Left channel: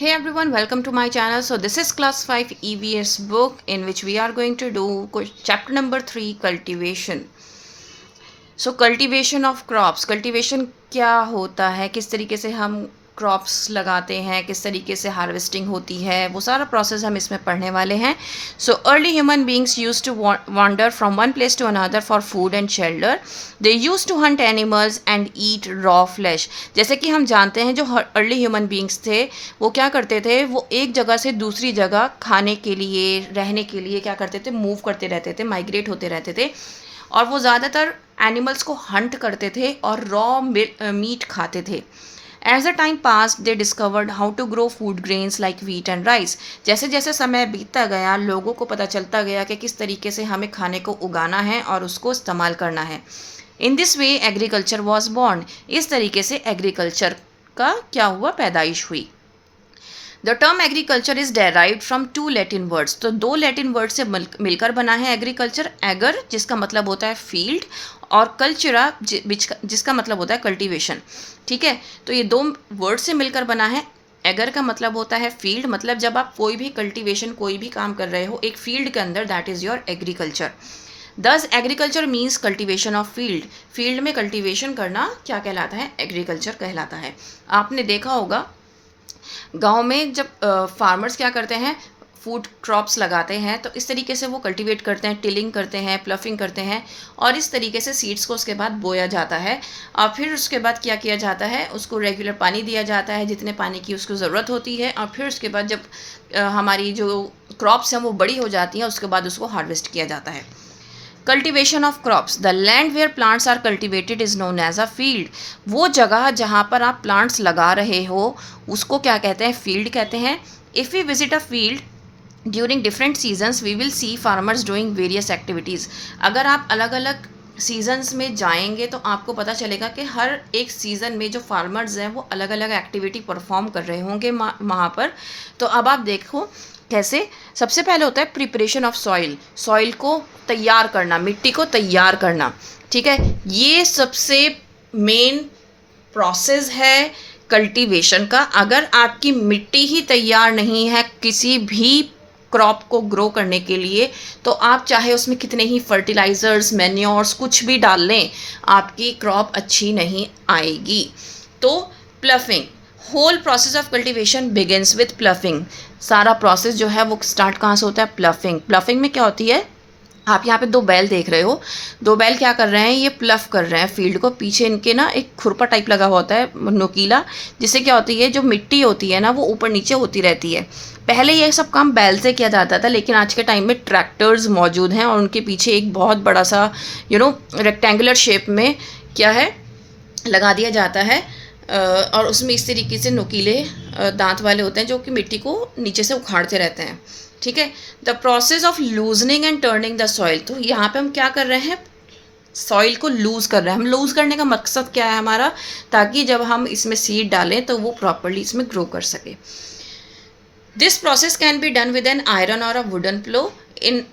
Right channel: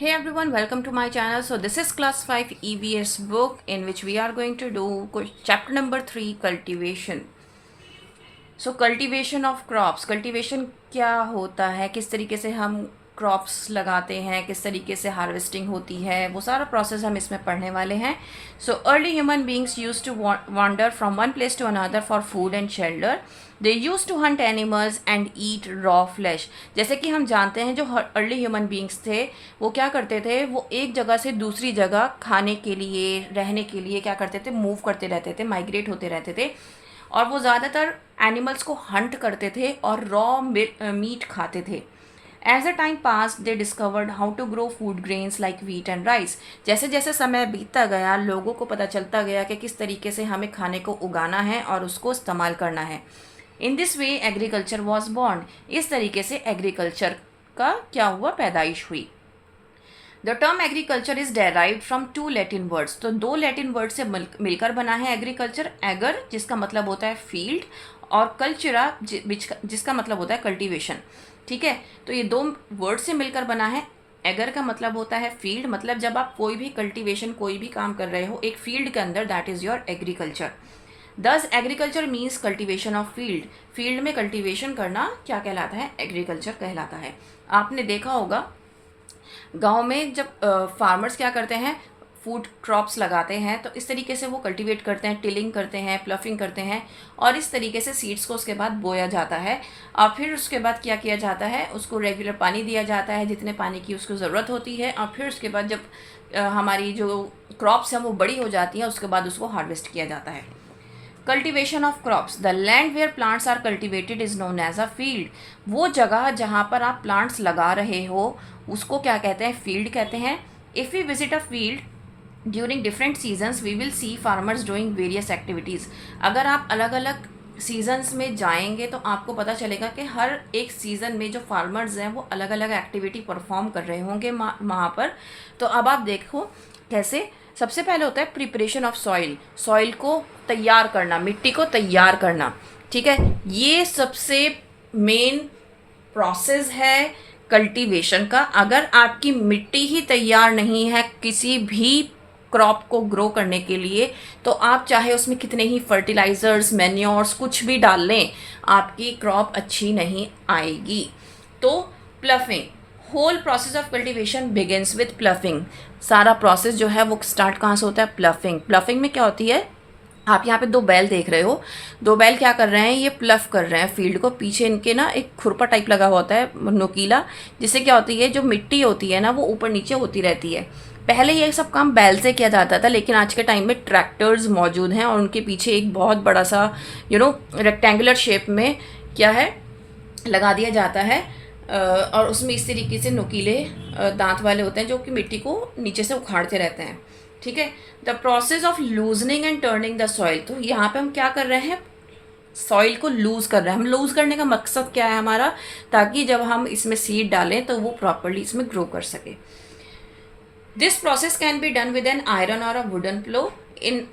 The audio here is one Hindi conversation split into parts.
Hey everyone, welcome to my channel. So this is class 5 EVS book in which we are going to do chapter number 3 cultivation. So cultivation of crops, cultivation क्या होता है, किस तरीके से हम क्रॉप्स लगाते हैं, किस तरीके से हार्वेस्टिंग होती है, वो सारा प्रोसेस हम इसमें पढ़ने वाले हैं. So early human beings use to wander from one place to another for food and shelter. They use to hunt animals and eat raw flesh. जैसे कि हम जानते हैं जो अर्ली ह्यूमन बींग्स थे वो क्या करते थे, वो एक जगह से दूसरी जगह खाने के लिए, रहने के लिए क्या करते थे, मूव करते रहते थे, माइग्रेट होते रहते थे. और वो ज़्यादातर एनिमल्स को हंट करते थे और रॉ मीट खाते थे. As the time pass they discovered how to grow food grains like wheat and rice. जैसे जैसे समय बीतता गया लोगों को पता चलता गया कि किस तरीके से हमें खाने को उगाना है और उसको इस्तेमाल करना है. In this way agriculture was born. इस तरीके से एग्रीकल्चर का क्या हुआ, पैदाइश हुई. The term agriculture is derived from two Latin words. तो दो लैटिन वर्ड से मिलकर बना है एग्रीकल्चर. एगर जिसका मतलब होता है फील्ड और कल्चरा जिसका मतलब होता है कल्टीवेशन. ठीक है, तो ये दो वर्ड से मिलकर बना है. एगर का मतलब होता है फील्ड, मतलब जब आप कोई भी कल्टीवेशन, कोई भी काम कर रहे हो एक फील्ड के अंदर, दैट इज़ योर एग्रीकल्चर. दस agriculture means cultivation of field. Field में कल्टीवेशन करना क्या कहलाता है, एग्रीकल्चर कहलाता है. आपने देखा होगा गांव में जब फार्मर्स क्या करते हैं, फूड क्रॉप्स लगाते हैं तो इस तरीके से वो कल्टीवेट करते हैं, टिलिंग करते हैं, प्लफिंग करते हैं और इस तरीके से सीड्स को उसके बाद बोया जाता है. और फिर उसके बाद क्या किया जाता है, उसको रेगुलर पानी दिया जाता है जितने पानी की उसको ज़रूरत होती है. और फिर उसके बाद जब हमारी जो क्रॉप्स हैं वो बड़ी हो जाती हैं उसके बाद उसको हार्वेस्ट किया जाता है. Cultivation of crops. The land where plants are cultivated is known as a field. वो जगह जहाँ पर आप प्लांट्स लगा रहे हो उसको क्या कहते हैं, फील्ड कहते हैं. If we visit a field during different seasons we will see farmers doing various activities. अगर आप अलग अलग सीजन्स में जाएंगे तो आपको पता चलेगा कि हर एक सीज़न में जो फार्मर्स हैं वो अलग अलग एक्टिविटी परफॉर्म कर रहे होंगे वहाँ पर. तो अब आप देखो कैसे. सबसे पहले होता है प्रिपरेशन ऑफ सॉइल. सॉइल को तैयार करना, मिट्टी को तैयार करना. ठीक है, ये सबसे मेन प्रोसेस है कल्टीवेशन का. अगर आपकी मिट्टी ही तैयार नहीं है किसी भी क्रॉप को ग्रो करने के लिए तो आप चाहे उसमें कितने ही फर्टिलाइज़र्स, मैन्योर्स कुछ भी डाल लें, आपकी क्रॉप अच्छी नहीं आएगी. तो ploughing, whole process of cultivation begins with ploughing. सारा प्रोसेस जो है वो स्टार्ट कहाँ से होता है, प्लफिंग. प्लफिंग में क्या होती है, आप यहाँ पे दो बैल देख रहे हो, दो बैल क्या कर रहे हैं, ये प्लफ कर रहे हैं फील्ड को. पीछे इनके ना एक खुरपा टाइप लगा होता है नुकीला, जिससे क्या होती है जो मिट्टी होती है ना वो ऊपर नीचे होती रहती है. पहले ये सब काम बैल से किया जाता था लेकिन आज के टाइम में ट्रैक्टर्स मौजूद हैं और उनके पीछे एक बहुत बड़ा सा रेक्टेंगुलर शेप में क्या है लगा दिया जाता है. और उसमें इस तरीके से नुकीले दांत वाले होते हैं जो कि मिट्टी को नीचे से उखाड़ते रहते हैं. ठीक है, the process of loosening and turning the soil. तो यहाँ पे हम क्या कर रहे हैं, सॉइल को लूज कर रहे हैं. हम लूज करने का मकसद क्या है हमारा, ताकि जब हम इसमें सीड डालें तो वो प्रॉपरली इसमें ग्रो कर सके. This process can be done with an iron or a wooden plough. In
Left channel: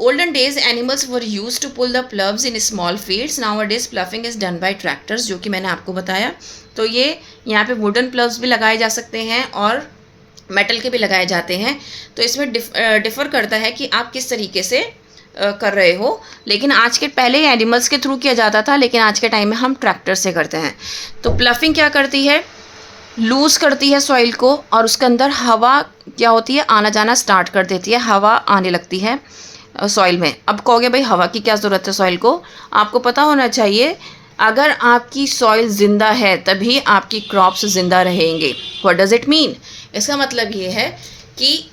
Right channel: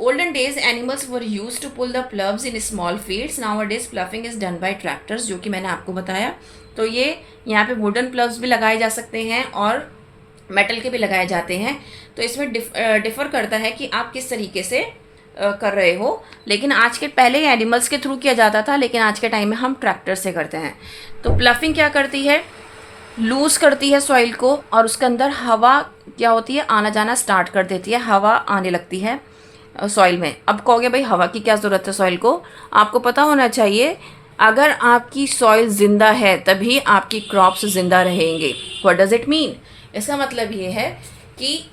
olden days animals were used to pull the ploughs in small fields. nowadays ploughing is done by tractors, जो कि मैंने आपको बताया. तो ये यहाँ पे वुडन प्लव्स भी लगाए जा सकते हैं और मेटल के भी लगाए जाते हैं. तो इसमें डिफ़र करता है कि आप किस तरीके से कर रहे हो. लेकिन आज के पहले एनिमल्स के थ्रू किया जाता था लेकिन आज के टाइम में हम ट्रैक्टर से करते हैं. तो प्लफिंग क्या करती है, लूज़ करती है सॉइल को और उसके अंदर हवा क्या होती है, आना जाना स्टार्ट कर देती है. हवा आने लगती है सॉइल में. अब कहोगे भाई हवा की क्या ज़रूरत है सॉइल को, आपको पता होना चाहिए अगर आपकी सॉइल ज़िंदा है तभी आपकी क्रॉप्स ज़िंदा रहेंगे. व्हाट डज़ इट मीन, इसका मतलब ये है कि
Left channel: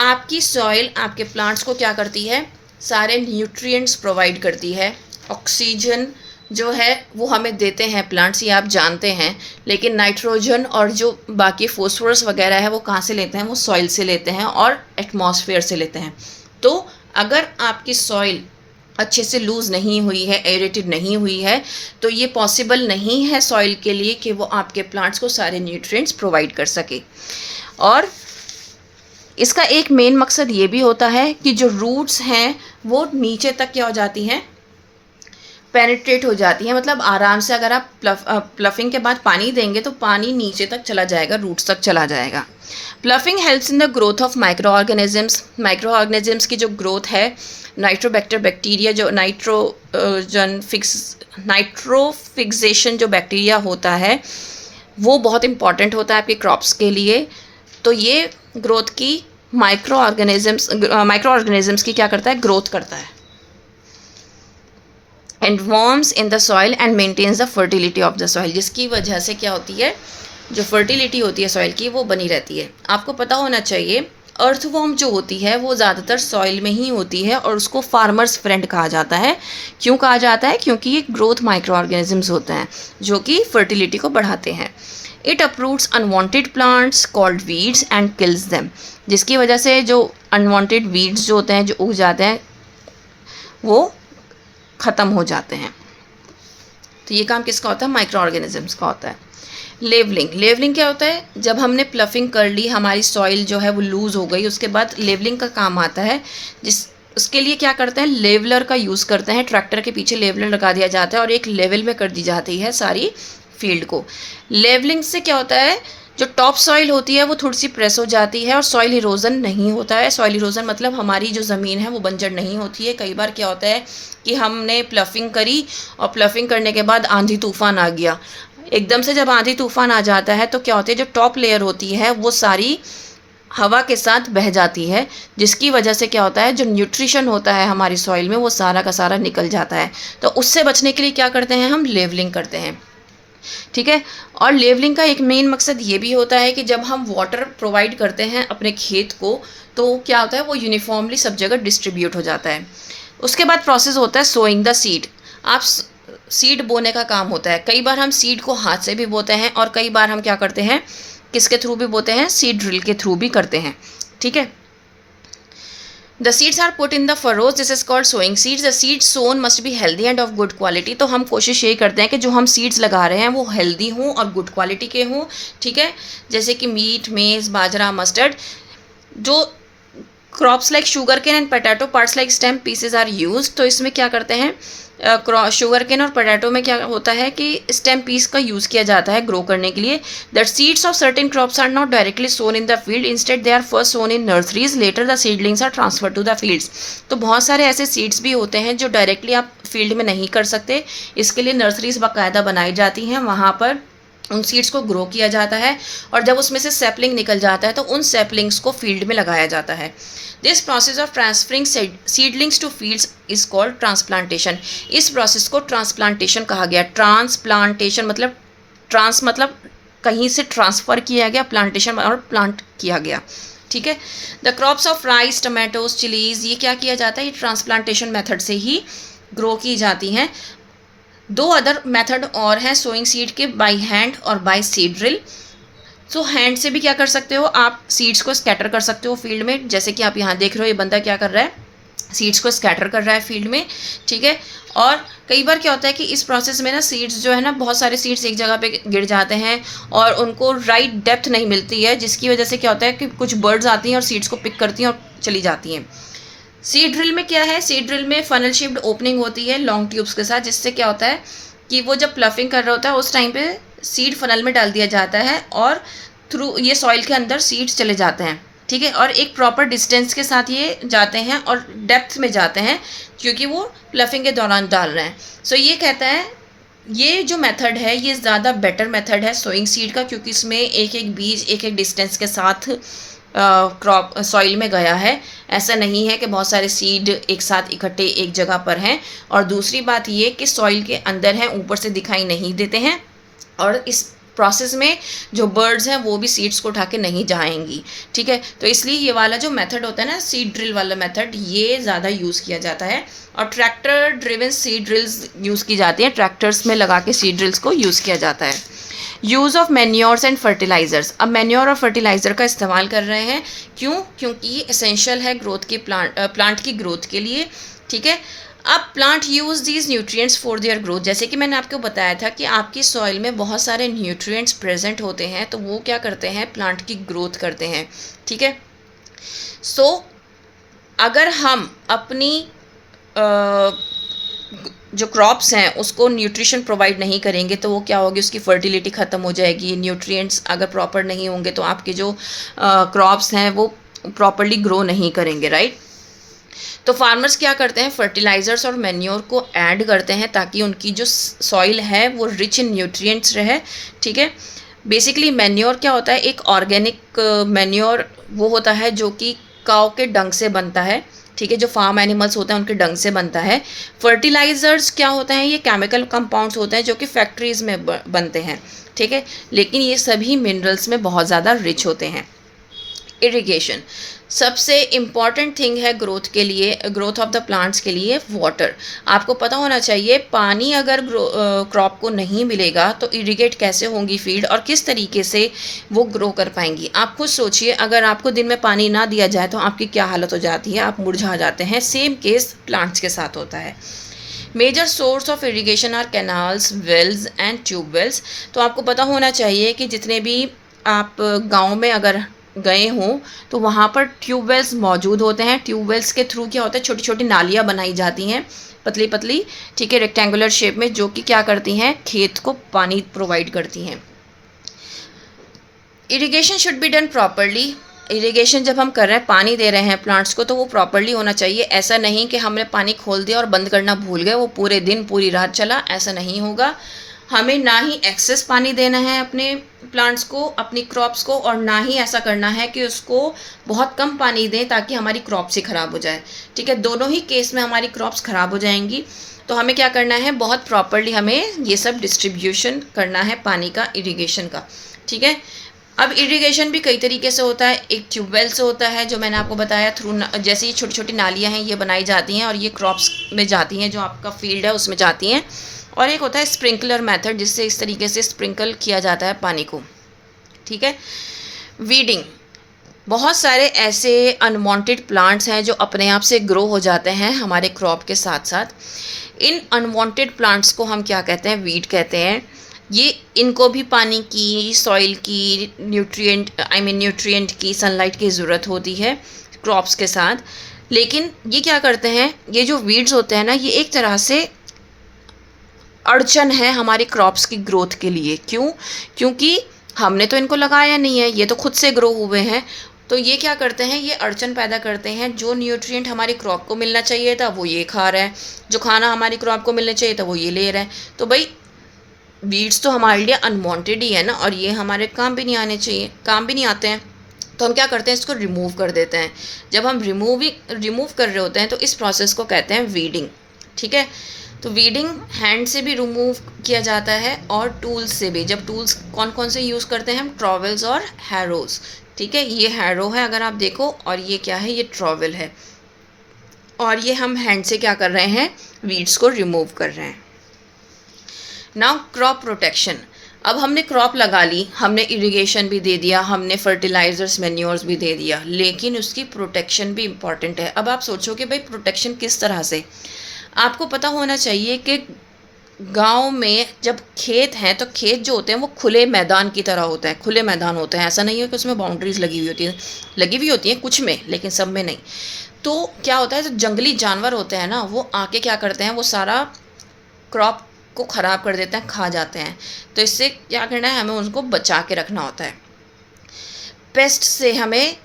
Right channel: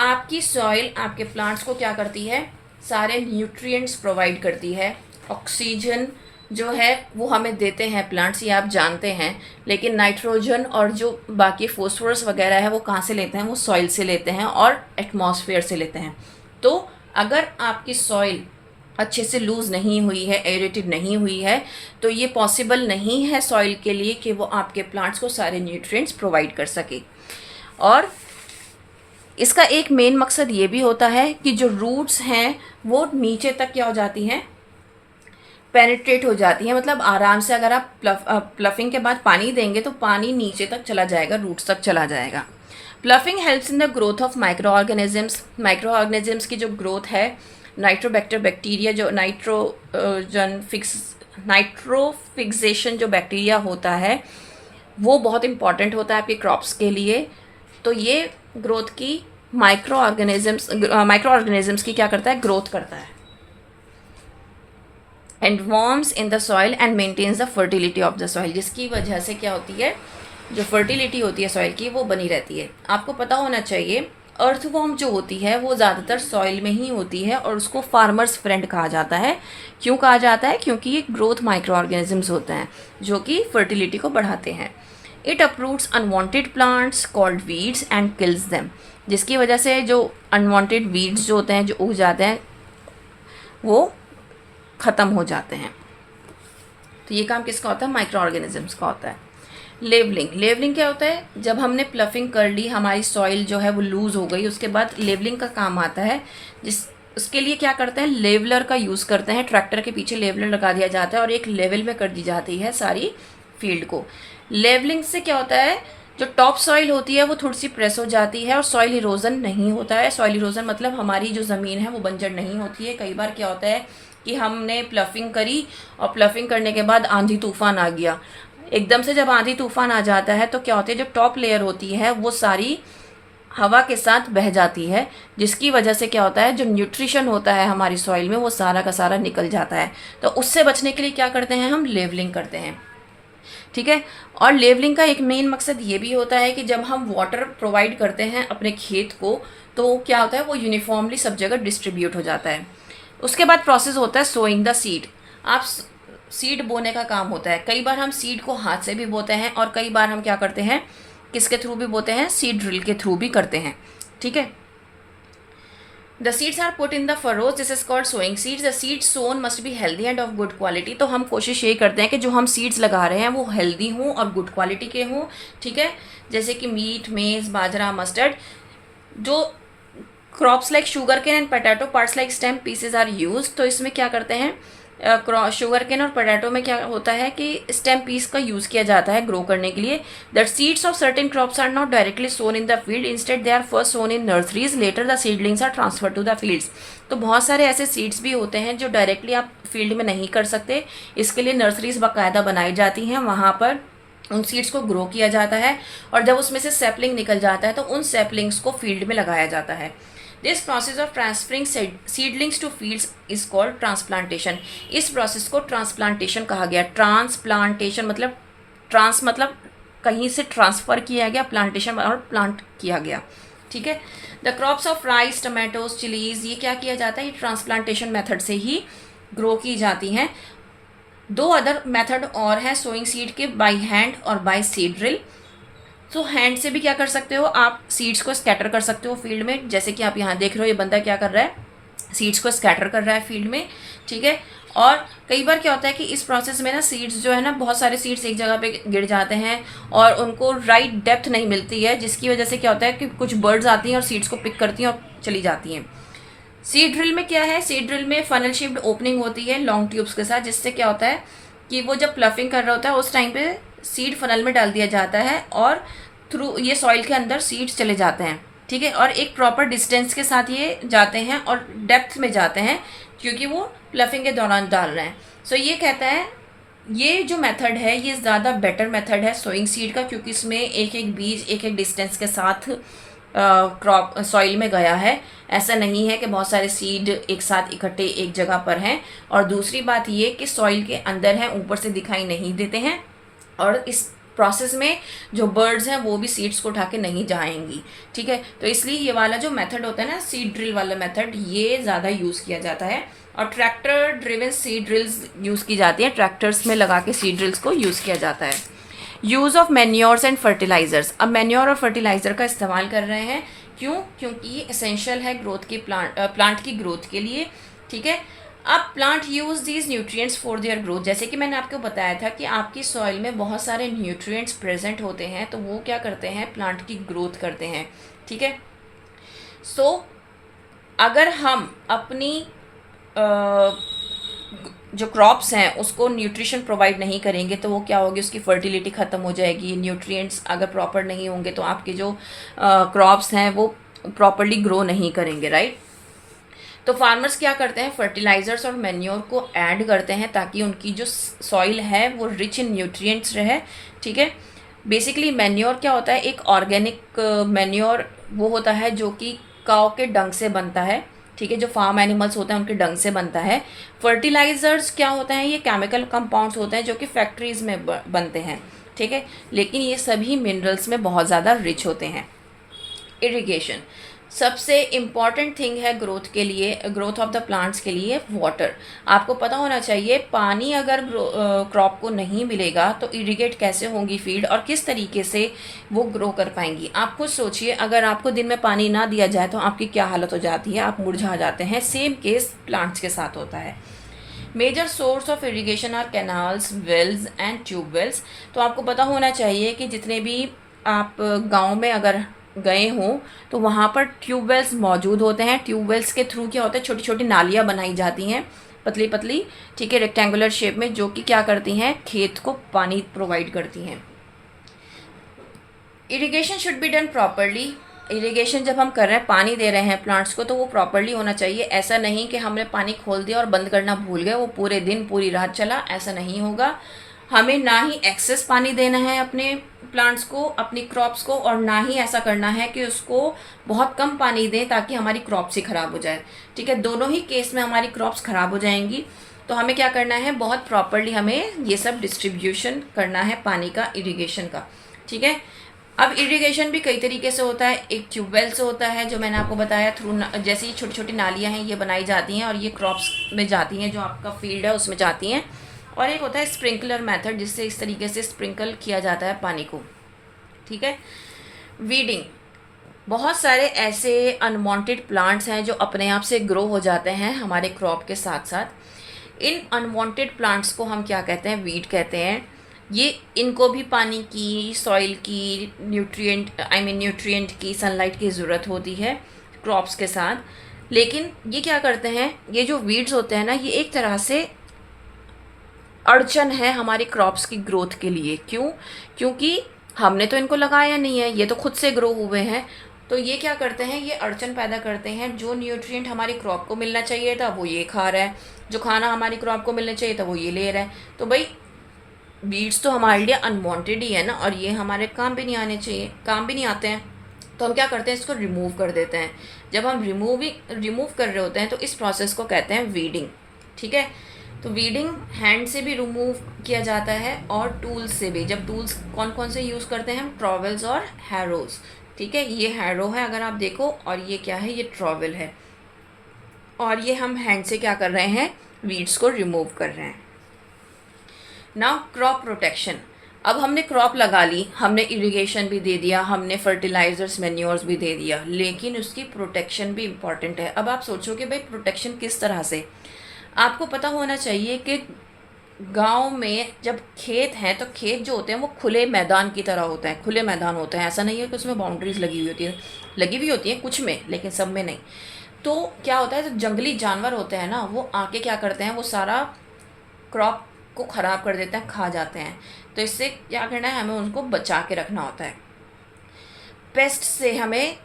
आपकी सॉइल आपके प्लांट्स को क्या करती है, सारे न्यूट्रिएंट्स प्रोवाइड करती है. ऑक्सीजन जो है वो हमें देते हैं प्लांट्स, ये आप जानते हैं. लेकिन नाइट्रोजन और जो बाकी फॉस्फोरस वगैरह है वो कहाँ से लेते हैं, वो सॉइल से लेते हैं और एटमॉस्फेयर से लेते हैं. तो अगर आपकी सॉइल अच्छे से लूज़ नहीं हुई है, एरेटेड नहीं हुई है, तो ये पॉसिबल नहीं है सॉइल के लिए कि वो आपके प्लांट्स को सारे न्यूट्रिएंट्स प्रोवाइड कर सके. और इसका एक मेन मकसद ये भी होता है कि जो रूट्स हैं वो नीचे तक क्या हो जाती हैं, पेनिट्रेट हो जाती है, मतलब आराम से अगर आप प्लफिंग के बाद पानी देंगे तो पानी नीचे तक चला जाएगा, रूट्स तक चला जाएगा। Ploughing helps in the growth of micro organisms. Micro organisms की जो ग्रोथ है, नाइट्रोबैक्टर बैक्टीरिया जो नाइट्रोफिक्सेशन जो बैक्टीरिया होता है वो बहुत इंपॉर्टेंट होता है आपके क्रॉप्स के लिए। तो ये ग्रोथ की माइक्रो ऑर्गेनिजम्स की क्या करता है, ग्रोथ करता है। And worms in the soil and maintains the fertility of the soil, जिसकी वजह से क्या होती है, जो फर्टिलिटी होती है सॉइल की वो बनी रहती है। आपको पता होना चाहिए अर्थवॉर्म जो होती है वो ज़्यादातर सॉइल में ही होती है और उसको फार्मर्स फ्रेंड कहा जाता है। क्यों कहा जाता है, क्योंकि ये ग्रोथ माइक्रो ऑर्गेनिजम्स होते हैं जो कि फर्टिलिटी को बढ़ाते हैं। It uproots unwanted plants called weeds and kills them, जिसकी वजह से जो अनवांटेड वीड्स जो होते हैं, जो उग जाते हैं, वो ख़त्म हो जाते हैं। तो ये काम किसका होता है, माइक्रो ऑर्गेनिजम्स का होता है। लेवलिंग क्या होता है, जब हमने प्लफिंग कर ली, हमारी सॉइल जो है वो लूज़ हो गई, उसके बाद लेवलिंग का काम आता है। उसके लिए क्या करते हैं, लेवलर का यूज़ करते हैं। ट्रैक्टर के पीछे लेवलर लगा दिया जाता है और एक लेवल में कर दी जाती है सारी फील्ड को। लेवलिंग से क्या होता है, जो टॉप सॉइल होती है वो थोड़ी सी प्रेस हो जाती है और सॉइल इरोजन नहीं होता है। सॉइल इरोजन मतलब हमारी जो ज़मीन है वो बंजर नहीं होती है। कई बार क्या होता है कि हमने प्लफिंग करी और प्लफिंग करने के बाद आंधी तूफान आ गया। एकदम से जब आंधी तूफान आ जाता है तो क्या होती है, जो टॉप लेयर होती है वो सारी हवा के साथ बह जाती है, जिसकी वजह से क्या होता है, जो न्यूट्रिशन होता है हमारी सॉइल में वो सारा का सारा निकल जाता है। तो उससे बचने के लिए क्या करते हैं, हम लेवलिंग करते हैं। ठीक है। और लेवलिंग का एक मेन मकसद ये भी होता है कि जब हम वाटर प्रोवाइड करते हैं अपने खेत को तो क्या होता है, वो यूनिफॉर्मली सब जगह डिस्ट्रीब्यूट हो जाता है। उसके बाद प्रोसेस होता है सोइंग द सीड। आप सीड बोने का काम होता है। कई बार हम सीड को हाथ से भी बोते हैं और कई बार हम क्या करते हैं, किसके थ्रू भी बोते हैं, सीड ड्रिल के थ्रू भी करते हैं। ठीक है। The seeds are put in the furrows, this is called sowing seeds. The seeds sown must be healthy and of good quality. तो हम कोशिश यही करते हैं कि जो हम सीड्स लगा रहे हैं वो हेल्दी हों और गुड क्वालिटी के हों। ठीक है। जैसे कि मीट, मेज़, बाजरा, मस्टर्ड। जो crops like sugar cane and potato parts like stem pieces are use. तो इसमें क्या करते हैं, शुगर केन और पोटैटो में क्या होता है कि स्टेम पीस का यूज़ किया जाता है ग्रो करने के लिए। That seeds of certain crops are not directly sown in the field, instead they are first sown in nurseries, later the seedlings are transfer to the fields. तो बहुत सारे ऐसे सीड्स भी होते हैं जो डायरेक्टली आप फील्ड में नहीं कर सकते, इसके लिए नर्सरीज बाकायदा बनाई जाती हैं, वहाँ पर उन सीड्स को ग्रो किया जाता है और जब उसमें से सैपलिंग निकल जाता है तो उन सैपलिंग्स को फील्ड में लगाया जाता है। This process of transferring seedlings to fields is called transplantation. इस प्रोसेस को ट्रांसप्लांटेशन कहा गया। ट्रांसप्लांटेशन मतलब ट्रांस मतलब कहीं से ट्रांसफ़र किया गया, प्लांटेशन और प्लांट किया गया। ठीक है। The crops of rice, tomatoes, chillies, ये क्या किया जाता है, ये ट्रांसप्लांटेशन मेथड से ही ग्रो की जाती हैं। दो अदर मेथड और हैं सोइंग सीड के, बाय हैंड और बाय सीड ड्रिल। तो हैंड से भी क्या कर सकते हो, आप सीड्स को स्कैटर कर सकते हो फील्ड में, जैसे कि आप यहाँ देख रहे हो ये बंदा क्या कर रहा है, सीड्स को स्कैटर कर रहा है फील्ड में। ठीक है। और कई बार क्या होता है कि इस प्रोसेस में ना सीड्स जो है ना, बहुत सारे सीड्स एक जगह पे गिर जाते हैं और उनको राइट डेप्थ नहीं मिलती है, जिसकी वजह से क्या होता है कि कुछ बर्ड्स आती हैं और सीड्स को पिक करती हैं और चली जाती हैं। सीड ड्रिल में क्या है, सीड ड्रिल में फनल शेप्ड ओपनिंग होती है लॉन्ग ट्यूब्स के साथ, जिससे क्या होता है कि वो जब प्लफिंग कर रहा होता है उस टाइम पे सीड फनल में डाल दिया जाता है और थ्रू ये सॉइल के अंदर सीड्स चले जाते हैं। ठीक है। और एक प्रॉपर डिस्टेंस के साथ ये जाते हैं और डेप्थ में जाते हैं क्योंकि वो प्लफिंग के दौरान डाल रहे हैं। सो ये कहता है ये जो मेथड है ये ज़्यादा बेटर मेथड है सोइंग सीड का, क्योंकि इसमें एक एक बीज एक एक डिस्टेंस के साथ क्रॉप सॉइल में गया है। ऐसा नहीं है कि बहुत सारे सीड एक साथ इकट्ठे एक जगह पर हैं। और दूसरी बात ये कि सॉइल के अंदर हैं, ऊपर से दिखाई नहीं देते हैं और इस प्रोसेस में जो बर्ड्स हैं वो भी सीड्स को उठा के नहीं जाएंगी। ठीक है। तो इसलिए ये वाला जो मेथड होता है ना, सीड ड्रिल वाला मेथड, ये ज़्यादा यूज़ किया जाता है। और tractor driven seed drills use की जाती है, ट्रैक्टर्स में लगा के सीड ड्रिल्स को यूज़ किया जाता है। Use of manures and fertilizers. अब मैन्योर और फर्टिलाइज़र का इस्तेमाल कर रहे हैं, क्यों, क्योंकि ये एसेंशियल है ग्रोथ की प्लांट की ग्रोथ के लिए। ठीक है। अब plant use these nutrients for their growth. जैसे कि मैंने आपको बताया था कि आपकी सॉइल में बहुत सारे न्यूट्रिएंट्स प्रेजेंट होते हैं, तो वो क्या करते हैं, प्लांट की ग्रोथ करते हैं। ठीक है। सो अगर हम अपनी जो क्रॉप्स हैं उसको न्यूट्रिशन प्रोवाइड नहीं करेंगे तो वो क्या होगी, उसकी फर्टिलिटी ख़त्म हो जाएगी। न्यूट्रिएंट्स अगर प्रॉपर नहीं होंगे तो आपके जो क्रॉप्स हैं वो प्रॉपरली ग्रो नहीं करेंगे, राइट। तो फार्मर्स क्या करते हैं, फर्टिलाइज़र्स और मैन्योर को ऐड करते हैं ताकि उनकी जो सॉइल है वो रिच इन न्यूट्रिएंट्स रहे, ठीक है। बेसिकली मैन्योर क्या होता है, एक ऑर्गेनिक मैन्योर वो होता है जो कि काऊ के डंग से बनता है, ठीक है, जो फार्म एनिमल्स होते हैं उनके डंग से बनता है। फर्टिलाइज़र्स क्या होते हैं, ये केमिकल कंपाउंड्स होते हैं जो कि फैक्ट्रीज़ में बनते हैं, ठीक है, लेकिन ये सभी मिनरल्स में बहुत ज़्यादा रिच होते हैं। इरिगेशन सबसे इम्पॉर्टेंट थिंग है ग्रोथ के लिए, ग्रोथ ऑफ द प्लांट्स के लिए वाटर। आपको पता होना चाहिए पानी अगर क्रॉप को नहीं मिलेगा तो इरिगेट कैसे होंगी फील्ड और किस तरीके से वो ग्रो कर पाएंगी। आप खुद सोचिए, अगर आपको दिन में पानी ना दिया जाए तो आपकी क्या हालत हो जाती है, आप मुरझा जाते हैं। सेम केस प्लांट्स के साथ होता है। Major source of irrigation are canals, wells and tubewells. तो आपको पता होना चाहिए कि जितने भी आप गांव में अगर गए हों तो वहाँ पर ट्यूबवेल्स मौजूद होते हैं। ट्यूबवेल्स के थ्रू क्या होता है, छोटी छोटी नालियाँ बनाई जाती हैं, पतली पतली, ठीक है, रेक्टेंगुलर शेप में, जो कि क्या करती हैं, खेत को पानी प्रोवाइड करती हैं। Irrigation should be done properly. Irrigation जब हम कर रहे हैं, पानी दे रहे हैं प्लांट्स को, तो वो प्रॉपरली होना चाहिए। ऐसा नहीं कि हमने पानी खोल दिया और बंद करना भूल गए, वो पूरे दिन पूरी रात चला, ऐसा नहीं होगा। हमें ना ही एक्सेस पानी देना है अपने प्लांट्स को, अपनी क्रॉप्स को, और ना ही ऐसा करना है कि उसको बहुत कम पानी दें ताकि हमारी क्रॉप्स ही ख़राब हो जाए, ठीक है। दोनों ही केस में हमारी क्रॉप्स ख़राब हो जाएंगी। तो हमें क्या करना है, बहुत प्रॉपरली हमें ये सब डिस्ट्रीब्यूशन करना है पानी का, इरिगेशन का, ठीक है। अब इरिगेशन भी कई तरीके से होता है। एक ट्यूबवेल से होता है जो मैंने आपको बताया, थ्रू जैसे ये छोटी छोटी नालियाँ हैं ये बनाई जाती हैं और ये क्रॉप्स में जाती हैं, जो आपका फील्ड है उसमें जाती हैं। और एक होता है स्प्रिंकलर मेथड, जिससे इस तरीके से स्प्रिंकल किया जाता है पानी को, ठीक है। वीडिंग, बहुत सारे ऐसे अनवांटेड प्लांट्स हैं जो अपने आप से ग्रो हो जाते हैं हमारे क्रॉप के साथ साथ। इन अनवांटेड प्लांट्स को हम क्या कहते हैं, वीड कहते हैं। ये इनको भी पानी की, सॉइल की, न्यूट्रिएंट की, सनलाइट की ज़रूरत होती है क्रॉप्स के साथ। लेकिन ये क्या करते हैं, ये जो वीड्स होते हैं ना, ये एक तरह से अड़चन है हमारी क्रॉप्स की ग्रोथ के लिए। क्यों? क्योंकि हमने तो इनको लगाया नहीं है, ये तो खुद से ग्रो हुए हैं। तो ये क्या करते हैं, ये अड़चन पैदा करते हैं। जो न्यूट्रिएंट हमारी क्रॉप को मिलना चाहिए था वो ये खा रहा है, जो खाना हमारी क्रॉप को मिलना चाहिए था वो ये ले रहा है। तो भाई बीड्स तो हमारे लिए अनवांटेड ही है ना, और ये हमारे काम भी नहीं आने चाहिए, काम भी नहीं आते हैं। तो हम क्या करते हैं, इसको रिमूव कर देते हैं। जब हम रिमूव कर रहे होते हैं तो इस प्रोसेस को कहते हैं वीडिंग, ठीक है। तो वीडिंग हैंड से भी रिमूव किया जाता है और टूल्स से भी। जब टूल्स कौन कौन से यूज़ करते हैं हम, ट्रॉवल्स और हैरोज, ठीक है। ये हैरो है अगर आप देखो, और ये क्या है, ये ट्रॉवल है। और ये हम हैंड से क्या कर रहे हैं, वीड्स को रिमूव कर रहे हैं। Now crop protection. अब हमने क्रॉप लगा ली, हमने इरिगेशन भी दे दिया, हमने फर्टिलाइजर्स, मैन्योर्स भी दे दिया, लेकिन उसकी प्रोटेक्शन भी इम्पॉर्टेंट है। अब आप सोचो कि भाई प्रोटेक्शन किस तरह से। आपको पता होना चाहिए कि गांव में जब खेत हैं तो खेत जो होते हैं वो खुले मैदान की तरह होते हैं, खुले मैदान होते हैं। ऐसा नहीं है कि उसमें बाउंड्रीज लगी हुई होती हैं कुछ में, लेकिन सब में नहीं। तो क्या होता है, जो जंगली जानवर होते हैं ना, वो आके क्या करते हैं, वो सारा क्रॉप को ख़राब कर देते हैं, खा जाते हैं। तो इससे क्या करना है, हमें उनको बचा के रखना होता है। पेस्ट से, हमें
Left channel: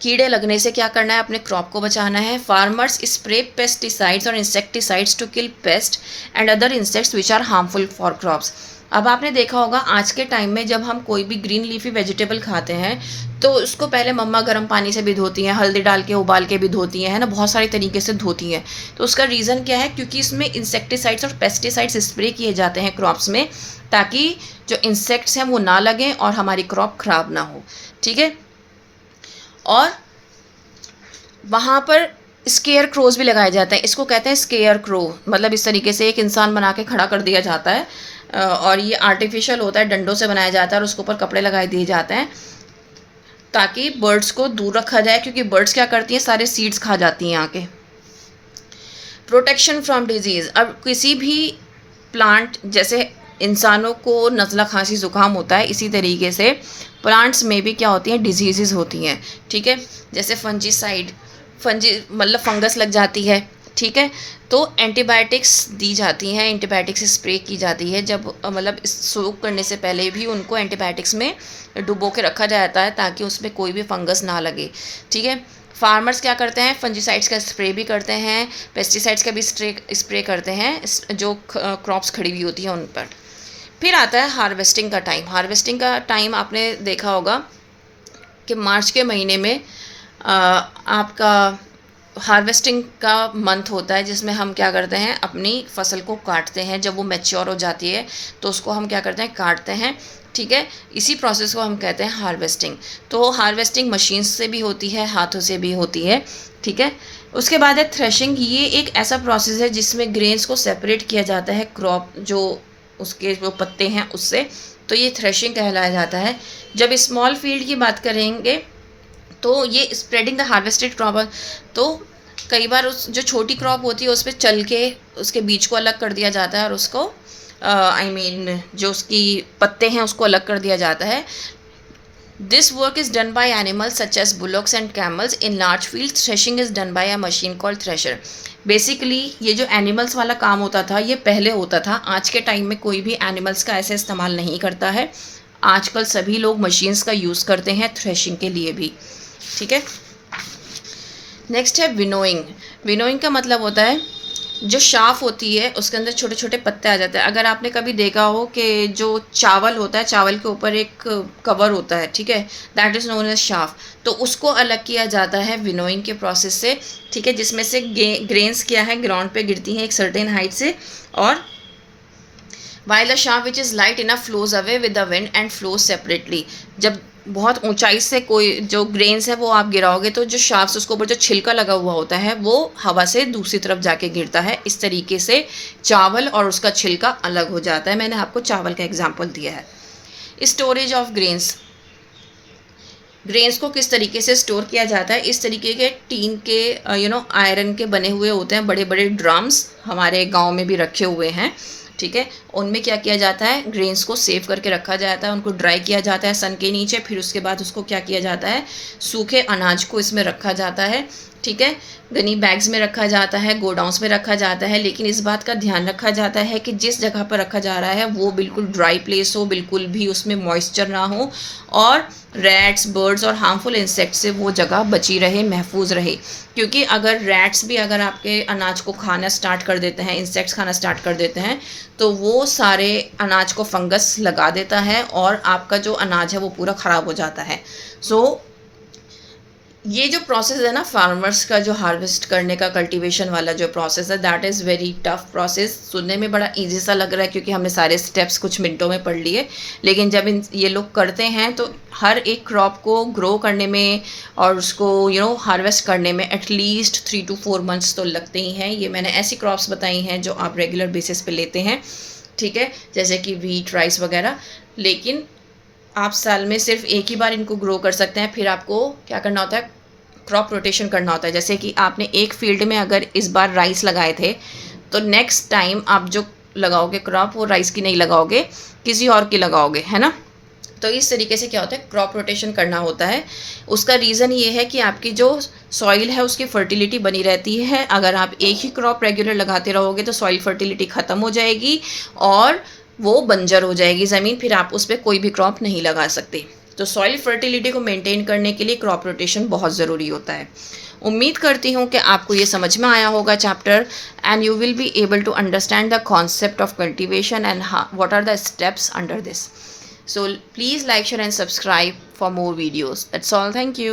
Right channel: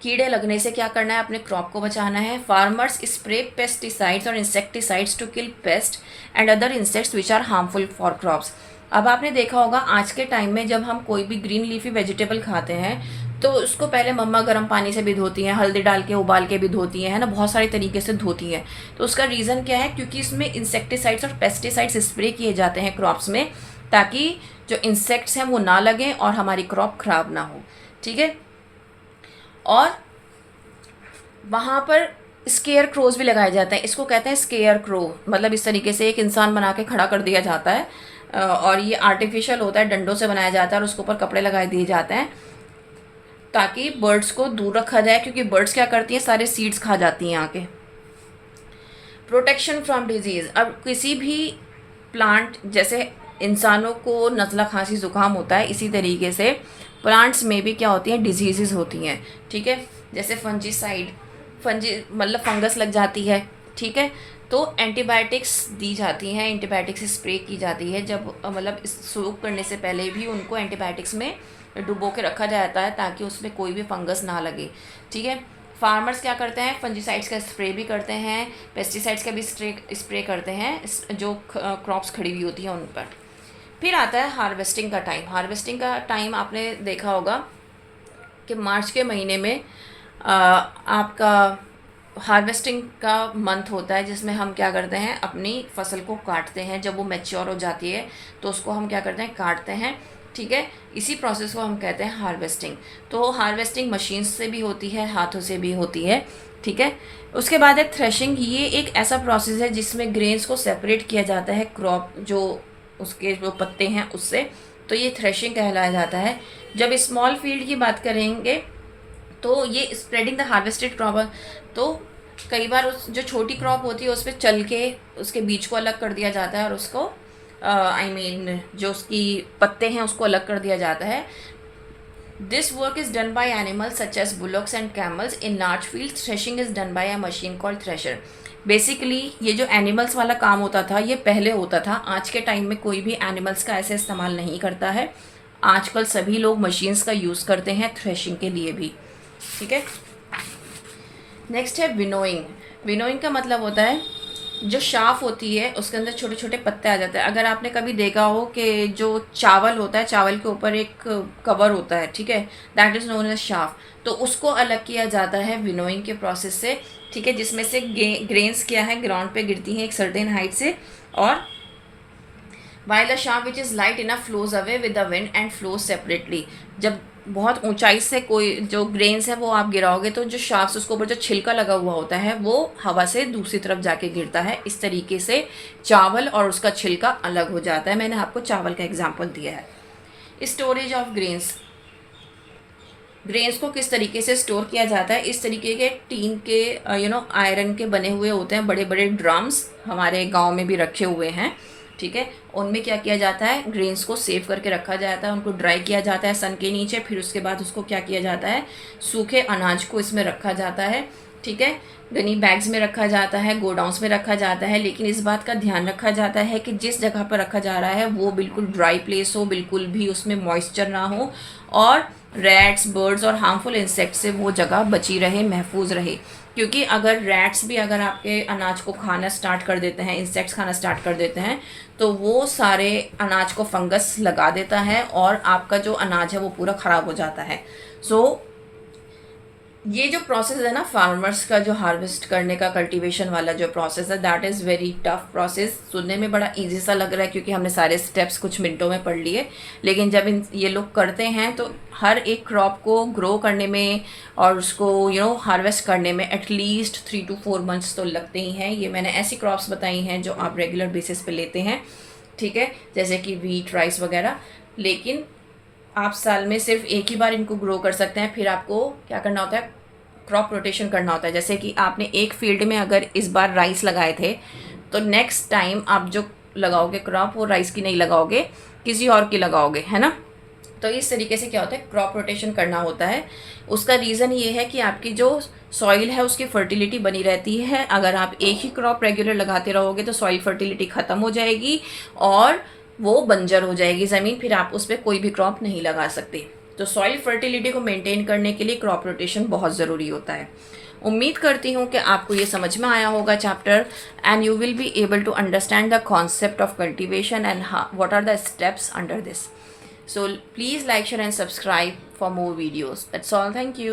कीड़े लगने से क्या करना है, अपने क्रॉप को बचाना है। फार्मर्स स्प्रे पेस्टिसाइड्स और insecticides to kill pest and other insects which are harmful for crops. अब आपने देखा होगा आज के टाइम में जब हम कोई भी ग्रीन लीफी वेजिटेबल खाते हैं तो उसको पहले मम्मा गर्म पानी से भी धोती हैं, हल्दी डाल के उबाल के भी धोती हैं, है ना, बहुत सारी तरीके से धोती हैं। तो उसका रीज़न क्या है, क्योंकि इसमें इंसेक्टिसाइड्स और पेस्टिसाइड्स स्प्रे किए जाते हैं क्रॉप्स में, ताकि जो इंसेक्ट्स हैं वो ना लगें और हमारी क्रॉप ख़राब ना हो, ठीक है। और वहाँ पर स्केयर क्रोज भी लगाए जाते हैं। इसको कहते हैं स्केयर क्रो, मतलब इस तरीके से एक इंसान बना के खड़ा कर दिया जाता है, और ये आर्टिफिशियल होता है, डंडों से बनाया जाता है, और उसके ऊपर कपड़े लगाए दिए जाते हैं ताकि बर्ड्स को दूर रखा जाए, क्योंकि बर्ड्स क्या करती हैं, सारे सीड्स खा जाती हैं आके। Protection from disease. अब किसी भी प्लांट, जैसे इंसानों को नज़ला खांसी ज़ुकाम होता है, इसी तरीके से प्लांट्स में भी क्या होती हैं, डिजीज़ होती हैं, ठीक है। जैसे फंजीसाइड, मतलब फंगस लग जाती है ठीक है। तो एंटीबायोटिक्स दी जाती हैं, एंटीबायोटिक्स स्प्रे की जाती है, जब मतलब सोक करने से पहले भी उनको एंटीबायोटिक्स में डुबो के रखा जाता है ताकि उसमें कोई भी फंगस ना लगे, ठीक है। फार्मर्स क्या करते हैं, फंजीसाइड्स का स्प्रे भी करते हैं, पेस्टिसाइड्स का भी स्प्रे करते हैं जो क्रॉप्स खड़ी हुई होती हैं उन पर। फिर आता है हार्वेस्टिंग का टाइम। हार्वेस्टिंग का टाइम आपने देखा होगा कि मार्च के महीने में आपका हार्वेस्टिंग का मंथ होता है, जिसमें हम क्या करते हैं, अपनी फसल को काटते हैं। जब वो मैच्योर हो जाती है तो उसको हम क्या करते हैं, काटते हैं, ठीक है। इसी प्रोसेस को हम कहते हैं हार्वेस्टिंग। तो हार्वेस्टिंग मशीन से भी होती है, हाथों से भी होती है, ठीक है। उसके बाद है थ्रेशिंग। ये एक ऐसा प्रोसेस है जिसमें ग्रेन्स को सेपरेट किया जाता है क्रॉप जो उसके जो पत्ते हैं उससे, तो ये थ्रेशिंग कहलाया जाता है। जब स्मॉल फील्ड की बात करेंगे तो ये स्प्रेडिंग द हार्वेस्टेड क्रॉप। तो कई बार उस जो छोटी क्रॉप होती है उस पर चल के उसके बीज को अलग कर दिया जाता है और उसको जो उसकी पत्ते हैं उसको अलग कर दिया जाता है। This work is done by animals such as bullocks and camels in large field. Threshing is done by a machine called thresher. Basically ये जो एनिमल्स वाला काम होता था ये पहले होता था, आज के टाइम में कोई भी एनिमल्स का ऐसे इस्तेमाल नहीं करता है। आजकल सभी लोग मशीन्स का यूज़ करते हैं थ्रेशिंग के लिए भी, ठीक है। नेक्स्ट है विनोइंग। विनोइंग का मतलब होता है जो शाफ होती है उसके अंदर छोटे छोटे पत्ते आ जाते हैं। अगर आपने कभी देखा हो कि जो चावल होता है, चावल के ऊपर एक कवर होता है, ठीक है, that is known as chaff. तो उसको अलग किया जाता है विनोइंग के प्रोसेस से, ठीक है, जिसमें से ग्रेन्स क्या है ग्राउंड पे गिरती हैं एक सर्टेन हाइट से, और while the shaft which is light enough flows away with the wind and flows separately। जब बहुत ऊंचाई से कोई जो ग्रेन्स है वो आप गिराओगे तो जो शाफ्ट उसके ऊपर जो छिलका लगा हुआ होता है वो हवा से दूसरी तरफ जाके गिरता है। इस तरीके से चावल और उसका छिलका अलग हो जाता है। मैंने आपको चावल का एग्जांपल दिया है। Storage of grains. ग्रेन्स को किस तरीके से स्टोर किया जाता है, इस तरीके के टीन के आयरन के बने हुए होते हैं बड़े बड़े ड्रम्स, हमारे गांव में भी रखे हुए हैं, ठीक है। उनमें क्या किया जाता है, ग्रेन्स को सेव करके रखा जाता है, उनको ड्राई किया जाता है सन के नीचे। फिर उसके बाद उसको क्या किया जाता है, सूखे अनाज को इसमें रखा जाता है, ठीक है। गनी बैग्स में रखा जाता है, गोडाउंस में रखा जाता है, लेकिन इस बात का ध्यान रखा जाता है कि जिस जगह पर रखा जा रहा है वो बिल्कुल ड्राई प्लेस हो, बिल्कुल भी उसमें मॉइस्चर ना हो, और रैट्स, बर्ड्स और हार्मफुल इंसेक्ट से वो जगह बची रहे, महफूज रहे। क्योंकि अगर रैट्स भी अगर आपके अनाज को खाना स्टार्ट कर देते हैं, इंसेक्ट्स खाना स्टार्ट कर देते हैं, तो वो सारे अनाज को फंगस लगा देता है और आपका जो अनाज है वो पूरा ख़राब हो जाता है। सो ये जो प्रोसेस है ना फार्मर्स का, जो हार्वेस्ट करने का कल्टीवेशन वाला जो प्रोसेस है, that is very tough process. सुनने में बड़ा इजी सा लग रहा है क्योंकि हमने सारे स्टेप्स कुछ मिनटों में पढ़ लिए, लेकिन जब ये लोग करते हैं तो हर एक क्रॉप को ग्रो करने में और उसको हार्वेस्ट करने में एटलीस्ट 3 to 4 months तो लगते ही हैं। ये मैंने ऐसी क्रॉप्स बताई हैं जो आप रेगुलर बेसिस पे लेते हैं, ठीक है, जैसे कि वीट, राइस वगैरह। लेकिन आप साल में सिर्फ एक ही बार इनको ग्रो कर सकते हैं। फिर आपको क्या करना होता है, क्रॉप रोटेशन करना होता है। जैसे कि आपने एक फील्ड में अगर इस बार राइस लगाए थे तो नेक्स्ट टाइम आप जो लगाओगे क्रॉप वो राइस की नहीं लगाओगे, किसी और की लगाओगे, है ना। तो इस तरीके से क्या होता है, क्रॉप रोटेशन करना होता है। उसका रीज़न ये है कि आपकी जो सॉइल है उसकी फर्टिलिटी बनी रहती है। अगर आप एक ही क्रॉप रेगुलर लगाते रहोगे तो सॉइल फर्टिलिटी ख़त्म हो जाएगी और वो बंजर हो जाएगी ज़मीन, फिर आप उस पर कोई भी क्रॉप नहीं लगा सकते। तो सॉइल फर्टिलिटी को मेंटेन करने के लिए क्रॉप रोटेशन बहुत ज़रूरी होता है। उम्मीद करती हूँ कि आपको ये समझ में आया होगा chapter, and you will be able to understand the concept of cultivation and what are the steps under this. So please like, share and subscribe for more videos. That's all. Thank you.